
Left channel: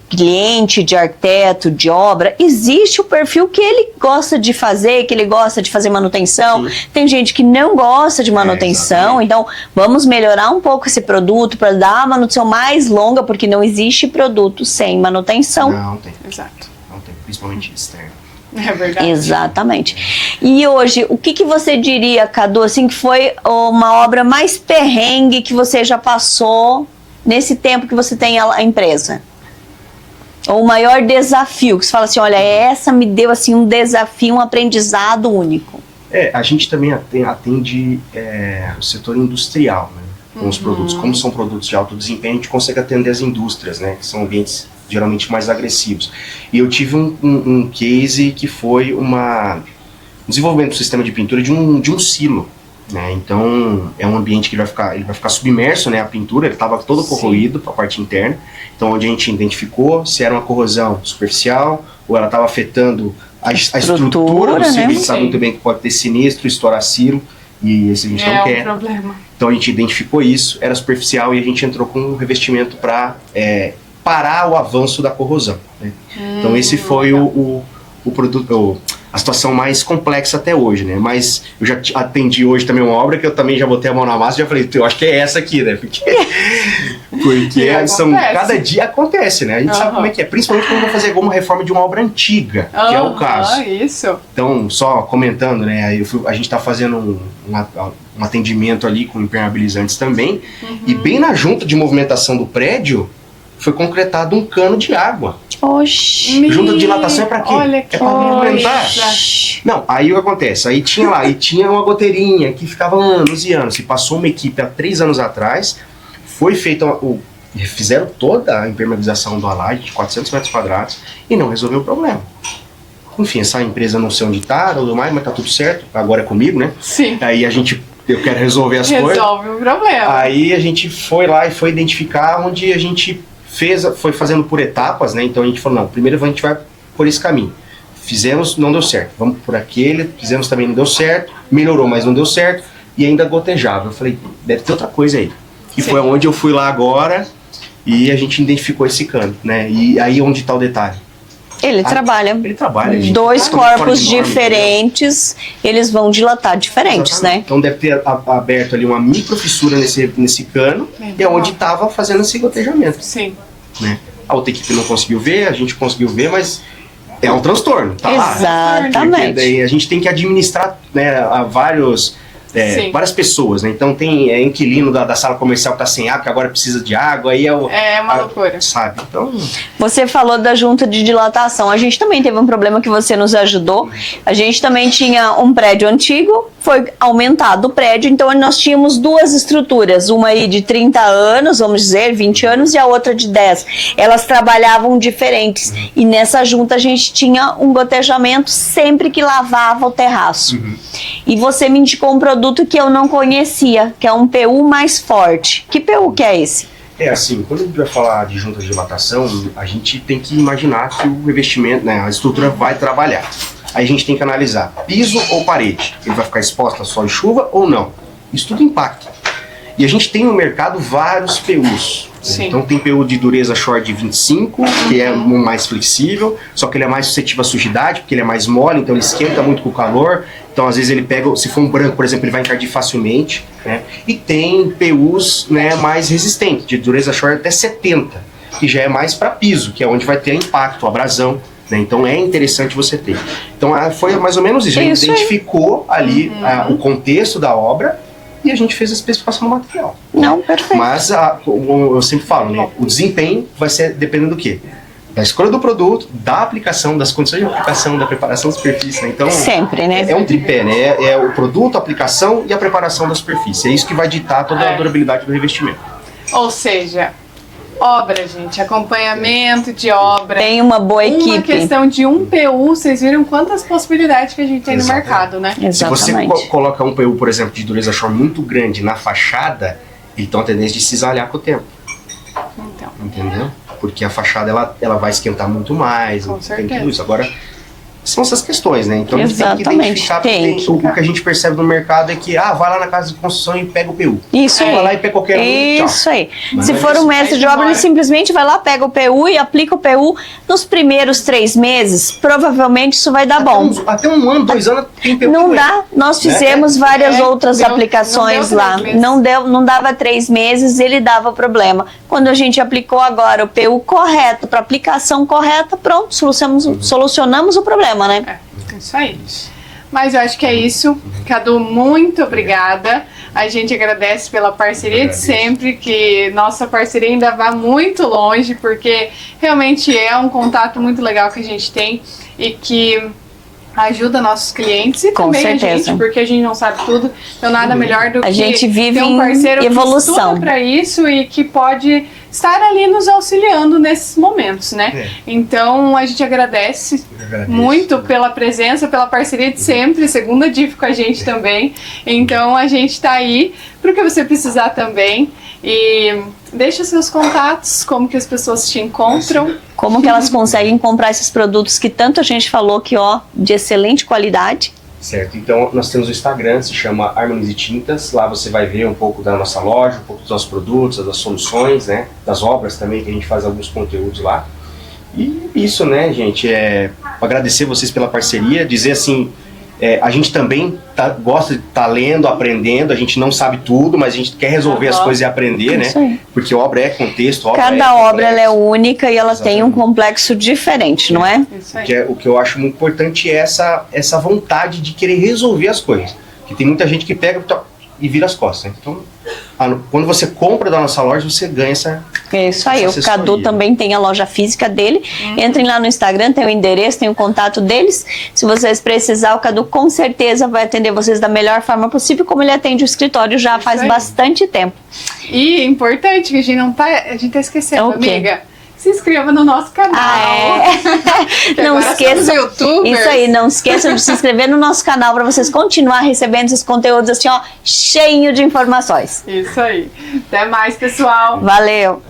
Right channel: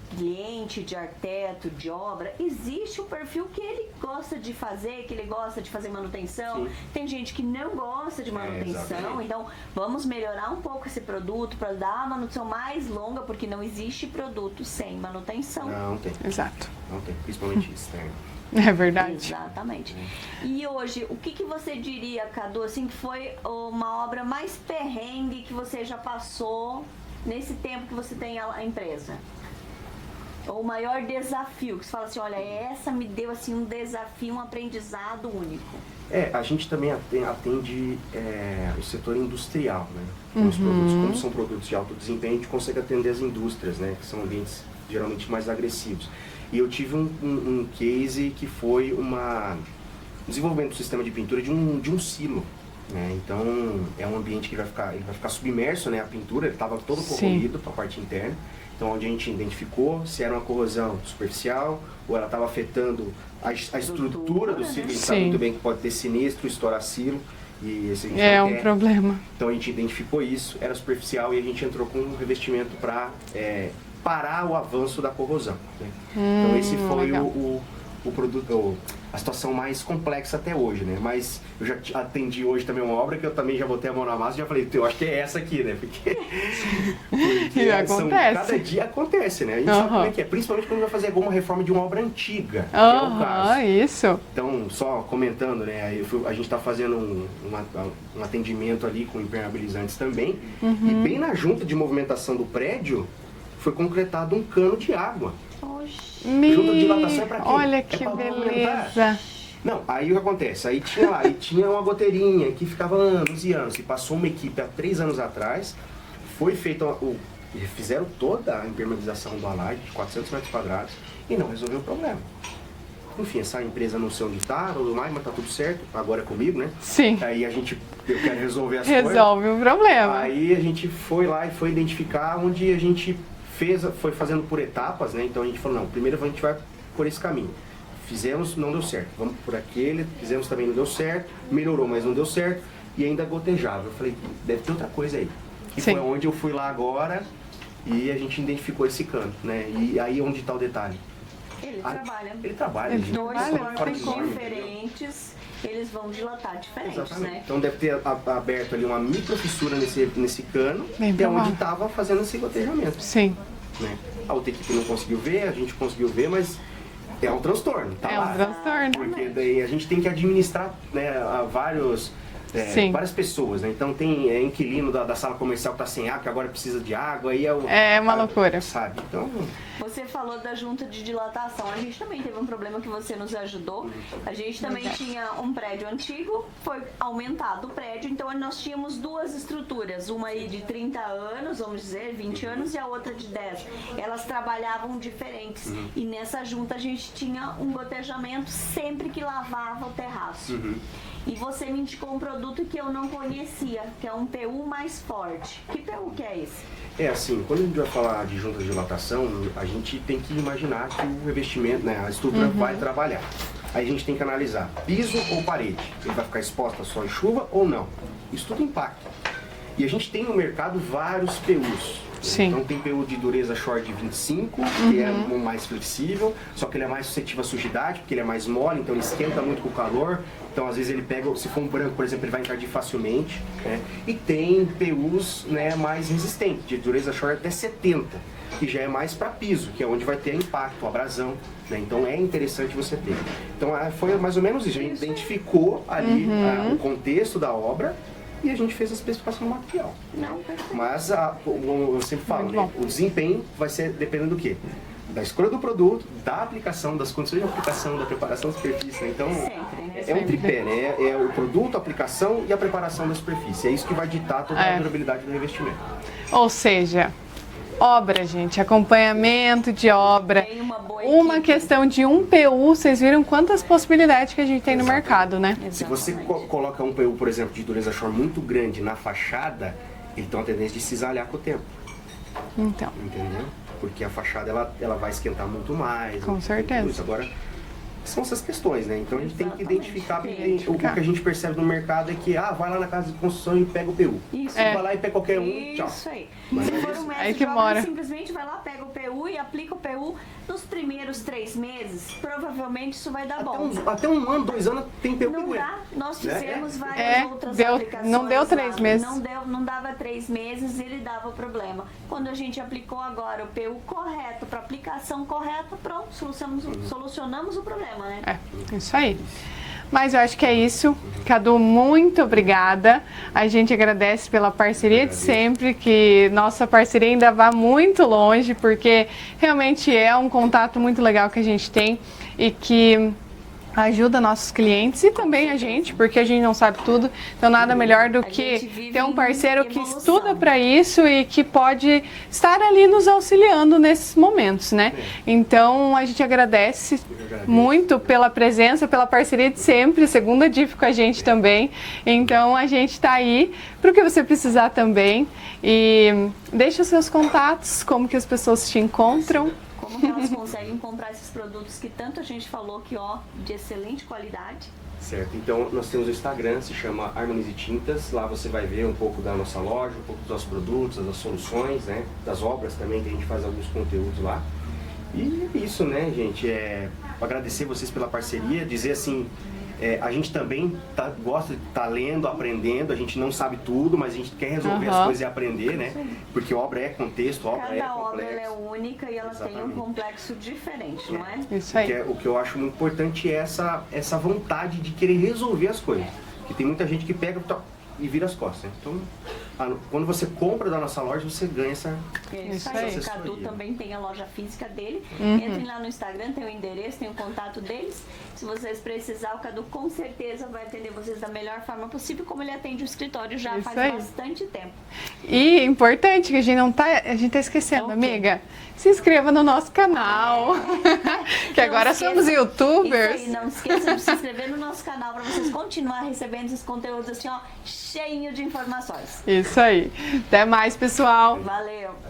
cliente, de arquiteto, de obra, existe o perfil que ele gosta de fazer, que ele gosta de fazer manutenção. Tem gente que não gosta de manutenção, então vamos melhorar um pouco esse produto para dar a manutenção mais longa, porque não existe produto sem manutenção. Não tem. Exato. Não tem, principalmente externo. É verdade. Exatamente. E hoje, o que você diria, Cadu, assim, que foi uma obra mais perrengue que você já passou nesse tempo que você tem a empresa? Ou o maior desafio, que você fala assim, olha, essa me deu assim um desafio, um aprendizado único. A gente também atende o setor industrial, né? Com os produtos. Como são produtos de alto desempenho, a gente consegue atender as indústrias, né? Que são ambientes geralmente mais agressivos. E eu tive um case que foi um desenvolvimento do sistema de pintura de um silo. Né? Então é um ambiente que ele vai ficar submerso, né? A pintura, ele estava todo corroído para a parte interna. Então onde a gente identificou se era uma corrosão superficial ou ela estava afetando a estrutura do silo. A gente sabe muito bem que pode ter sinistro, estourar silo. E esse a gente não quer. É um problema. Então a gente identificou isso, era superficial e a gente entrou com um revestimento para parar o avanço da corrosão. Né? Então esse foi o produto, a situação mais complexa até hoje, né? Mas eu já atendi hoje também uma obra que eu também já botei a mão na massa e já falei, eu acho que é essa aqui, né? Porque cada dia acontece, né? A gente sabe como é que é, principalmente quando vai fazer alguma reforma de uma obra antiga, que é o caso. Isso. Então, só comentando, né? A gente está fazendo um atendimento ali com impermeabilizantes também, e bem na junta de movimentação do prédio, foi concretado um cano de água. Oxi. Junta de dilatação é pra quê? Olha que é pra movimentar. Não, aí o que acontece? Aí tinha uma goteirinha que ficava anos e anos. E passou uma equipe há 3 anos atrás, foi feita fizeram toda a impermeabilização do alagem de 400 metros quadrados e não resolveu o problema. Enfim, essa empresa não sei onde tá, tudo mais, mas tá tudo certo. Agora é comigo, né? Sim. Aí eu quero resolver as coisas. Resolve o problema. Aí a gente foi lá e foi identificar onde a gente foi fazendo por etapas, né? Então a gente falou, não, primeiro a gente vai por esse caminho. Fizemos, não deu certo. Vamos por aquele, fizemos também, não deu certo. Melhorou, mas não deu certo. E ainda gotejava. Eu falei, deve ter outra coisa aí. E foi onde eu fui lá agora e a gente identificou esse cano, né? E aí onde está o detalhe? Ele trabalha. Ele trabalha. 2 corpos diferentes, eles vão dilatar diferentes, exatamente, né? Então deve ter aberto ali uma micro fissura nesse cano, e é onde estava fazendo esse gotejamento. Sim. Né? A outra equipe não conseguiu ver, a gente conseguiu ver, mas é um transtorno, tá? Exatamente. Porque daí a gente tem que administrar, né, vários várias pessoas, né? Então tem inquilino da sala comercial que tá sem água, que agora precisa de água, aí é uma loucura. Sabe? Então... Você falou da junta de dilatação. A gente também teve um problema que você nos ajudou. A gente também tinha um prédio antigo, foi aumentado o prédio, então nós tínhamos duas estruturas, uma aí de 30 anos, vamos dizer, 20 anos, e a outra de 10. Elas trabalhavam diferentes. E nessa junta a gente tinha um gotejamento sempre que lavava o terraço. E você me indicou um produto que eu não conhecia, que é um PU mais forte. Que PU que é esse? É assim, quando a gente vai falar de junta de dilatação, a gente tem que imaginar que o revestimento, né, a estrutura vai trabalhar. Aí a gente tem que analisar piso ou parede. Ele vai ficar exposto a sol e chuva ou não? Isso tudo impacta. E a gente tem no mercado vários PUs. Sim. Então tem PU de dureza short de 25, que é um mais flexível, só que ele é mais suscetível à sujidade, porque ele é mais mole, então ele esquenta muito com o calor. Então às vezes ele pega, se for um branco, por exemplo, ele vai encardir facilmente, né? E tem PUs, né, mais resistentes, de dureza short até 70, que já é mais para piso, que é onde vai ter impacto, abrasão. Né? Então é interessante você ter. Então foi mais ou menos isso. A gente identificou ali o contexto da obra e a gente fez a especificação do material. Não, perfeito. Mas, como eu sempre falo, né, o desempenho vai ser dependendo do quê? Da escolha do produto, da aplicação, das condições de aplicação, da preparação da superfície. Né? Então, sempre, né? É um tripé, né? É o produto, a aplicação e a preparação da superfície. É isso que vai ditar toda a durabilidade do revestimento. Ou seja, obra, gente, acompanhamento de obra. Tem uma boa equipe. Uma questão de um PU, vocês viram quantas possibilidades que a gente tem no mercado, né? Exatamente. Se você coloca um PU, por exemplo, de dureza short muito grande na fachada, ele tem uma tendência de cisalhar com o tempo. Então. Entendeu? Porque a fachada ela vai esquentar muito mais. Com certeza. Tudo isso. Agora, são essas questões, né? Então a gente tem que identificar, o que a gente percebe no mercado é que, vai lá na casa de construção e pega o PU. Isso aí. Vai lá e pega qualquer um. Isso aí. Mas se for um mestre de obra, ele simplesmente vai lá, pega o PU e aplica o PU. Nos primeiros 3 meses, provavelmente isso vai dar bom. Até 1 ano, 2 anos tem PU. Não dá. Nós fizemos várias outras aplicações lá. Não dava 3 meses, ele dava problema. Quando a gente aplicou agora o PU correto, para aplicação correta, pronto, solucionamos o problema, né? Isso aí. Mas eu acho que é isso. Cadu, muito obrigada. A gente agradece pela parceria de sempre, que nossa parceria ainda vai muito longe, porque realmente é um contato muito legal que a gente tem e que ajuda nossos clientes e também a gente, porque a gente não sabe tudo, então nada melhor do que gente vive ter um parceiro que estuda para isso e que pode estar ali nos auxiliando nesses momentos, né? Então a gente agradece muito pela presença, pela parceria de sempre, segunda DIF com a gente também, então a gente tá aí para o que você precisar também e deixa seus contatos, como que as pessoas te encontram. Como que elas conseguem comprar esses produtos que tanto a gente falou que, de excelente qualidade. Certo, então nós temos o Instagram, se chama Harmonize Tintas, lá você vai ver um pouco da nossa loja, um pouco dos nossos produtos, das soluções, né, das obras também, que a gente faz alguns conteúdos lá. E isso, né, gente, agradecer vocês pela parceria, dizer assim, a gente também gosta de estar lendo, aprendendo, a gente não sabe tudo, mas a gente quer resolver as coisas e aprender, né? Porque obra é contexto, cada obra ela é única e ela tem um complexo diferente, não é? Isso aí. O que eu acho muito importante é essa vontade de querer resolver as coisas. Porque tem muita gente que pega e vira as costas. Então, quando você compra da nossa loja, você ganha essa isso aí, o Cadu também tem a loja física dele. Entrem lá no Instagram, tem o endereço, tem o contato deles. Se vocês precisar, o Cadu com certeza vai atender vocês da melhor forma possível, como ele atende o escritório já faz bastante tempo. E importante, que a gente tá esquecendo, amiga. Se inscreva no nosso canal. Que não esqueçam, YouTubers. Isso aí, não esqueçam de se inscrever no nosso canal para vocês continuar recebendo esses conteúdos assim, cheio de informações. Isso aí. Até mais, pessoal. Valeu.